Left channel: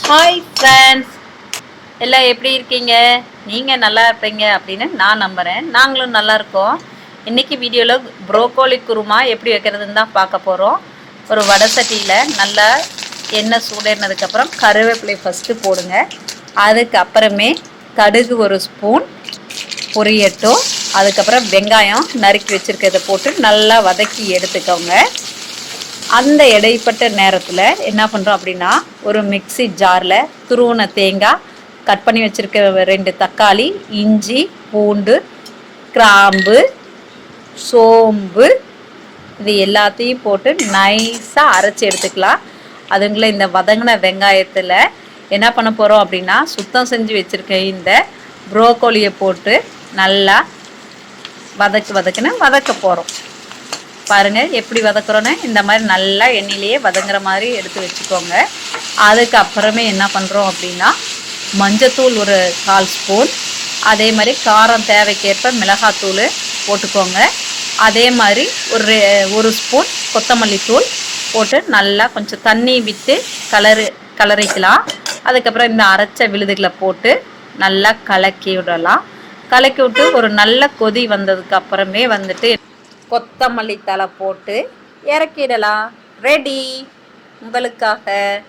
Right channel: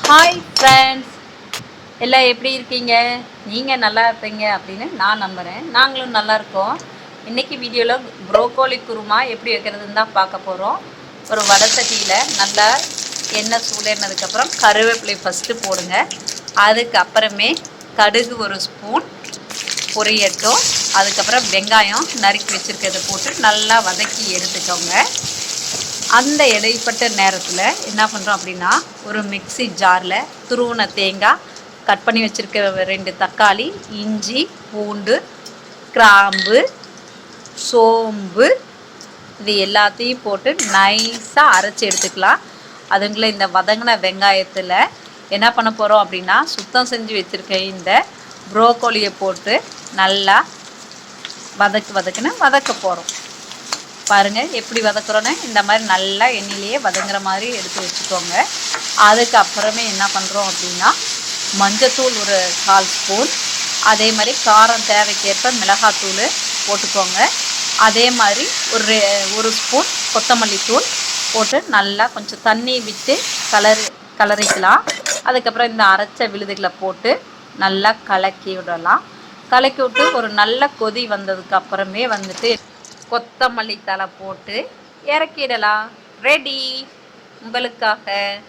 Hi friends எல்லாம் எப்படி இருக்கீங்க? நீங்கள் நல்லா இருப்பீங்க அப்படின்னு நான் நம்புகிறேன் நாங்களும் நல்லா இருக்கோம். இன்றைக்கி வீடியோவில் ப்ரோக்கோலி குருமா எப்படி வைக்கிறதுன்னு தான் பார்க்க போகிறோம் ஒரு வடை சட்டியில் நல்லா எண்ணெய் சூடேனதுக்கப்புறம் கருவேப்பிலை ஃபஸ்ட்டு போடுங்க. அதுக்கப்புறமே கடுகு ஒரு ஸ்பூன் பொரியட்டும் அதுக்கப்புறம் வெங்காயம் நறுக்கி வச்சுருக்கிறத போட்டு நல்லா வதக்கி எடுத்துக்கோங்க. அந்த இடைப்பட்ட நேரத்தில் என்ன பண்ணுறோம் அப்படின்னா ஒரு மிக்ஸி ஜாரில் துருவன தேங்காய் கட் பண்ணி வச்சுருக்க ரெண்டு தக்காளி இஞ்சி பூண்டு கிராம்பு சோம்பு இது எல்லாத்தையும் போட்டு நைஸாக அரைச்சி எடுத்துக்கலாம். அதுங்கள இந்த வதங்கின வெங்காயத்தில் என்ன பண்ண போகிறோம் அப்படின்னா சுத்தம் செஞ்சு வச்சுருக்க இந்த ப்ரோக்கோலியை போட்டு நல்லா வதக்கு வதக்குன்னு வதக்க போகிறோம் பாருங்கள் எப்படி வதக்குறோன்னு இந்த மாதிரி நல்லா எண்ணெயிலேயே வதங்குற மாதிரி எடுத்து வச்சுக்கோங்க. அதுக்கப்புறமே என்ன பண்ணுறோம் அப்படின்னா மஞ்சத்தூள் ஒரு கால் ஸ்பூன். அதே மாதிரி காரம் தேவைக்கேற்ப மிளகாத்தூள் போட்டுக்கோங்க. அதே மாதிரி ஒரு ஒரு ஸ்பூன் கொத்தமல்லி தூள் போட்டு நல்லா கொஞ்சம் தண்ணி விட்டு கலரு கலரிக்கலாம். அதுக்கப்புறம் இந்த அரைச்ச விழுதுகளை போட்டு நல்லா கலக்கி விடலாம். கலக்கி விட்டு ஒரு நல்ல கொதி வந்ததுக்கு அப்புறமே வந்துட்டு கொத்தமல்லி தலை போட்டு இறக்கிடலாம். ரெடி உங்களுக்காக.